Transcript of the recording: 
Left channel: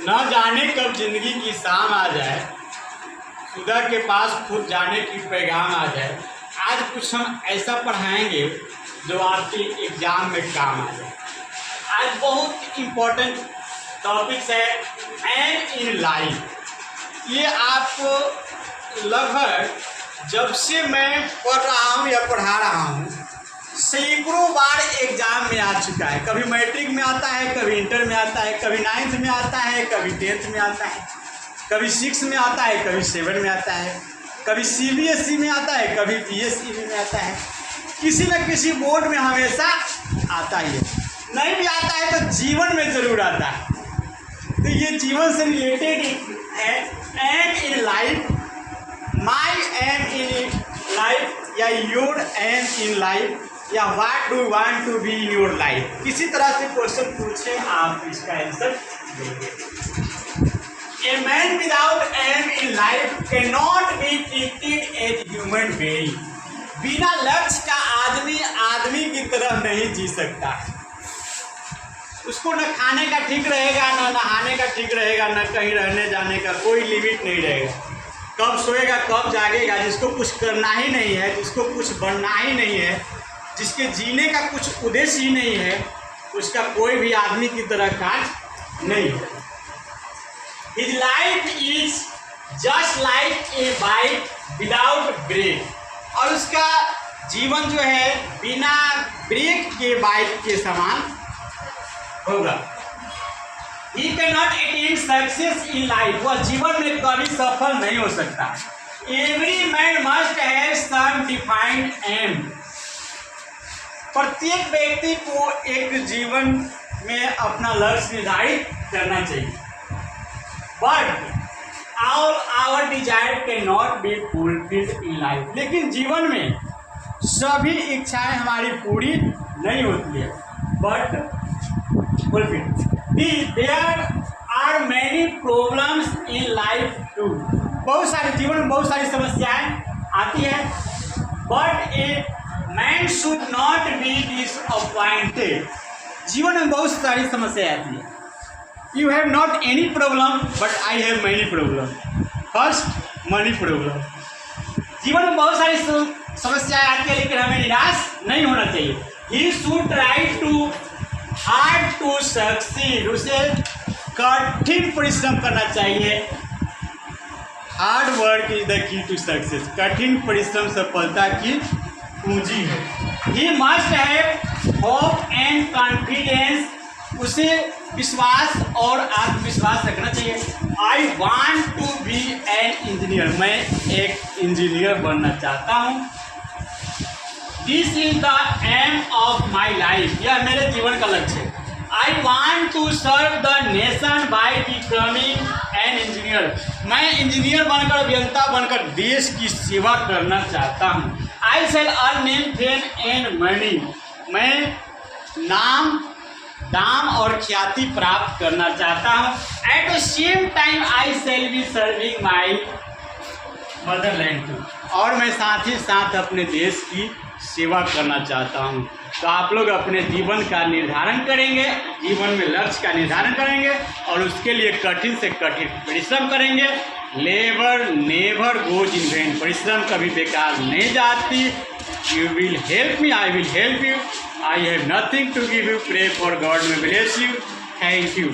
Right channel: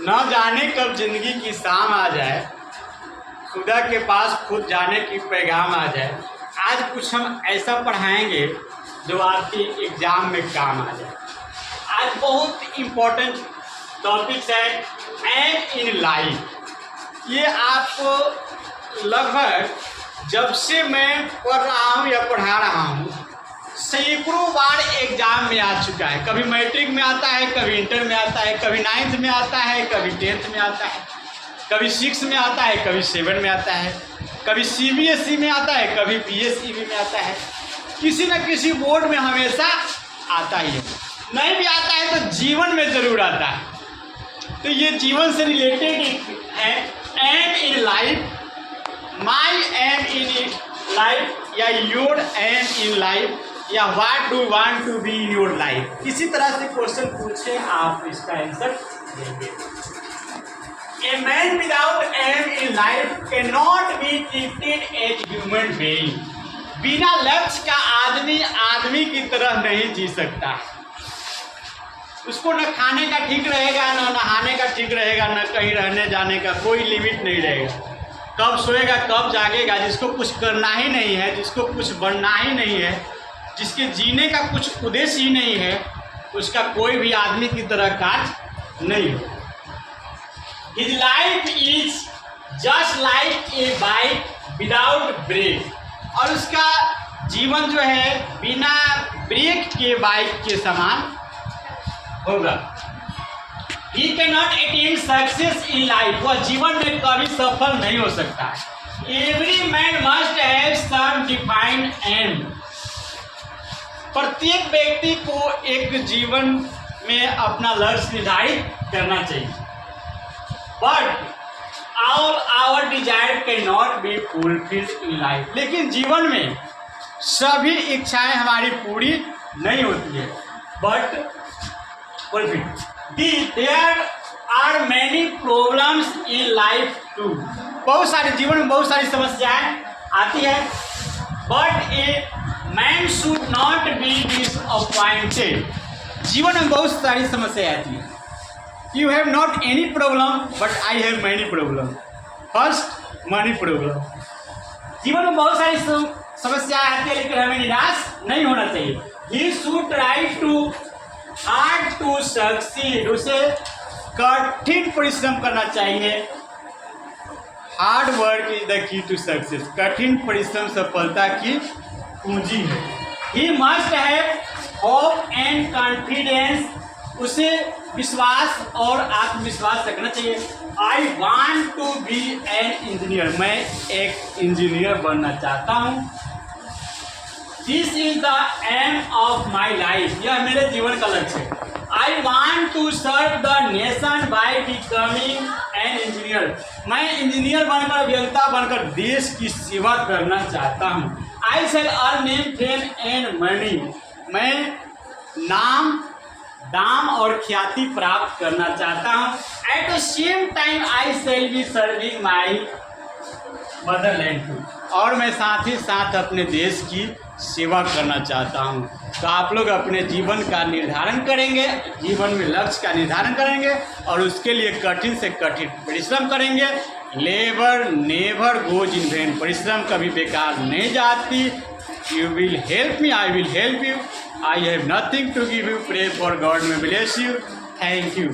न जाने कब जिंदगी की शाम आ जाए, खुदा के पास खुद जाने की पैगाम आ जाए। आज कुछ हम ऐसा पढ़ाएंगे जो आपके एग्जाम में काम आ जाए। आज बहुत इम्पोर्टेंट टॉपिक्स है एम इन लाइफ। ये आपको लगभग जब से मैं पढ़ रहा हूँ या पढ़ा रहा हूँ सैकड़ों बार एग्जाम में आ चुका है। कभी मैट्रिक में आता है, कभी इंटर में आता है, कभी 9th में आता है, कभी 10th में आता है, कभी 6 में आता है, कभी 7 में आता है, कभी CBSE में आता है, कभी PSEB में आता है। किसी न किसी बोर्ड में हमेशा आता ही है। नहीं भी आता है तो जीवन में ज़रूर आता है। तो ये जीवन से रिलेटेड है aim in life, my aim in life या योर एम इन लाइफ या what do want to be in your life. किसी तरह से क्वेश्चन पूछे आप इसका आंसर देंगे। A man without aim in life can not be treated as human being. बिना लक्ष्य का आदमी की तरह नहीं जी सकता है। उसको न खाने का ठीक रहेगा, न नहाने का ठीक रहेगा, न कहीं रहने जाने का कोई लिमिट नहीं रहेगा। कब सोएगा, कब जागेगा, जिसको कुछ करना ही नहीं है, जिसको कुछ बनना ही नहीं है, जिसके जीने का कुछ उद्देश्य ही नहीं है, उसका कोई भी आदमी की तरह कार्य नहीं है। His life is just like a bike without brake। और उसका जीवन जो है बिना ब्रेक के बाइक के समान होगा। He cannot attain success in life। वह जीवन में कभी सफल नहीं हो सकता है। Every man must have some defined aim। प्रत्येक व्यक्ति को एक जीवन में अपना लक्ष्य निर्धारित करना चाहिए। But our desire can not be fulfilled in life. लेकिन जीवन में सभी इच्छाएं हमारी पूरी नहीं होती है। But fulfilled there are many problems in life too. बहुत सारे जीवन में बहुत सारी समस्याएं आती है। But a man should not be disappointed. जीवन में बहुत सारी समस्याएं आती है। You have not any problem but I have many problem. First money problem. जीवन में बहुत सारी समस्याएं आती है लेकिन हमें निराश नहीं होना चाहिए। He should try to hard to succeed. उसे कठिन परिश्रम करना चाहिए। Hard work is the key to success. कठिन परिश्रम सफलता की पूंजी है। He must have hope and confidence. उसे विश्वास और आत्मविश्वास रखना चाहिए। I want to be an engineer. मैं एक इंजीनियर बनना चाहता हूँ। This is the aim of my life. यह मेरे जीवन का लक्ष्य है। I want to serve the nation by becoming an engineer. मैं इंजीनियर बनकर, अभियंता बनकर देश की सेवा करना चाहता हूँ। I shall earn name fame and money. मैं नाम, दाम और ख्याति प्राप्त करना चाहता हूँ। At the same time I shall be serving my motherland too. और मैं साथ ही साथ अपने देश की सेवा करना चाहता हूँ। तो आप लोग अपने जीवन का निर्धारण करेंगे, जीवन में लक्ष्य का निर्धारण करेंगे और उसके लिए कठिन से कठिन परिश्रम करेंगे। Labour never goes in vain. परिश्रम कभी बेकार नहीं जाती। You will help me, I will help you. I have nothing to give you. Pray for God may bless you. Thank you.